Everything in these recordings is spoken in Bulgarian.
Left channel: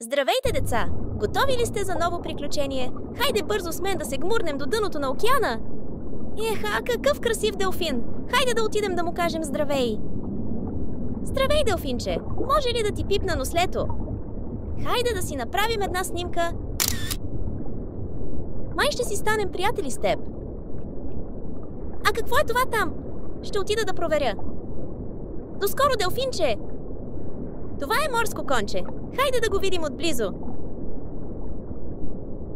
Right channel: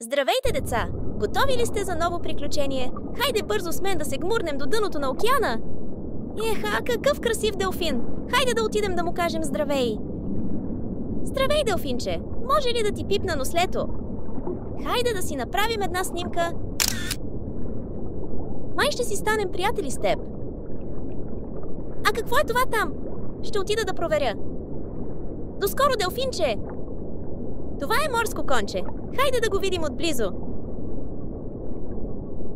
Здравейте, деца! Готови ли сте за ново приключение? Хайде бързо с мен да се гмурнем до дъното на океана! Еха, какъв красив делфин! Хайде да отидем да му кажем здравей! Здравей, делфинче! Може ли да ти пипна нослето? Хайде да си направим една снимка! Май ще си станем приятели с теб! А какво е това там? Ще отида да проверя! Доскоро, делфинче! Това е морско конче! Хайде да го видим отблизо!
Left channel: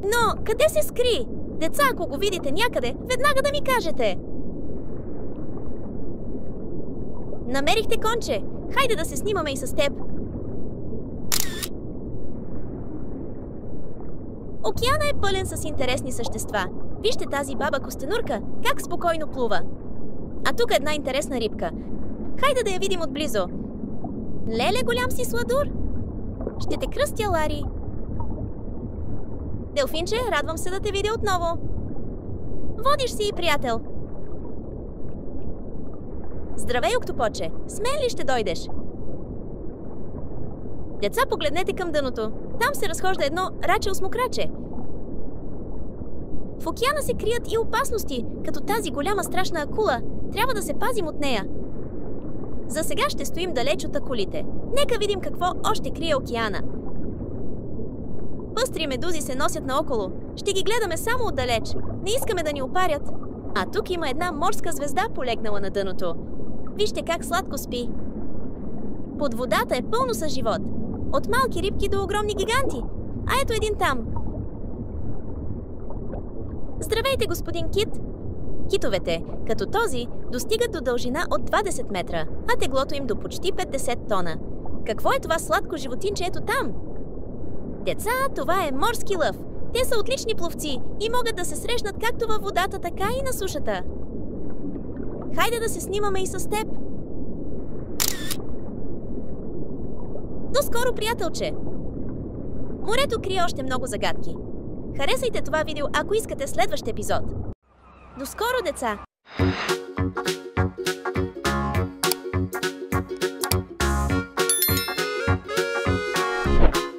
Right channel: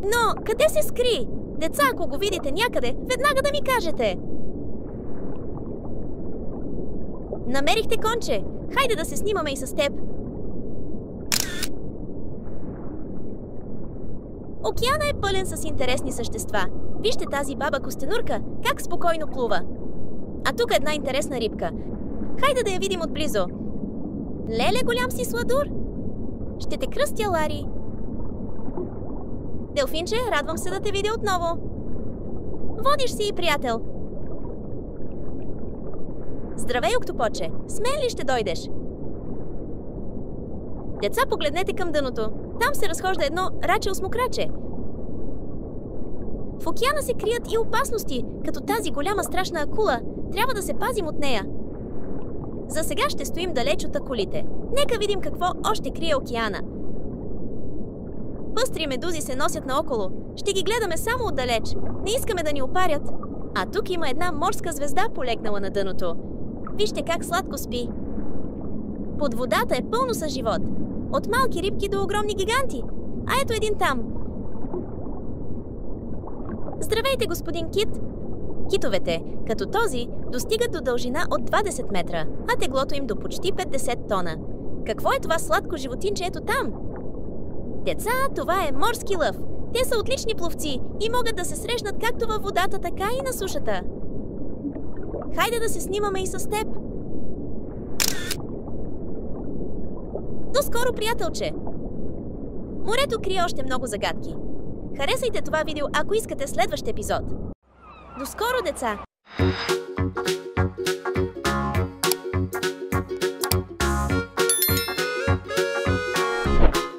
Но, къде се скри? Деца, ако го видите някъде, веднага да ми кажете! Намерихте конче! Хайде да се снимаме и с теб! Океана е пълен с интересни същества. Вижте тази баба костенурка, как спокойно плува. А тук една интересна рибка. Хайде да я видим отблизо. Леле, голям си сладур! Ще те кръстя, Лари! Делфинче, радвам се да те видя отново. Водиш си и приятел. Здравей, октопоче! С мен ли ще дойдеш? Деца, погледнете към дъното. Там се разхожда едно рачел-смокраче. В океана се крият и опасности, като тази голяма страшна акула. Трябва да се пазим от нея. За сега ще стоим далеч от акулите. Нека видим какво още крие океана. Пъстри медузи се носят наоколо. Ще ги гледаме само отдалеч. Не искаме да ни опарят. А тук има една морска звезда, полегнала на дъното. Вижте как сладко спи. Под водата е пълно с живот. От малки рибки до огромни гиганти. А ето един там. Здравейте, господин Кит! Китовете, като този, достигат до дължина от 20 метра, а теглото им до почти 50 тона. Какво е това сладко животинче ето там? Деца, това е морски лъв. Те са отлични пловци и могат да се срещнат както във водата, така и на сушата. Хайде да се снимаме и с теб. До скоро, приятелче! Морето крие още много загадки. Харесайте това видео, ако искате следващ епизод. До скоро, деца!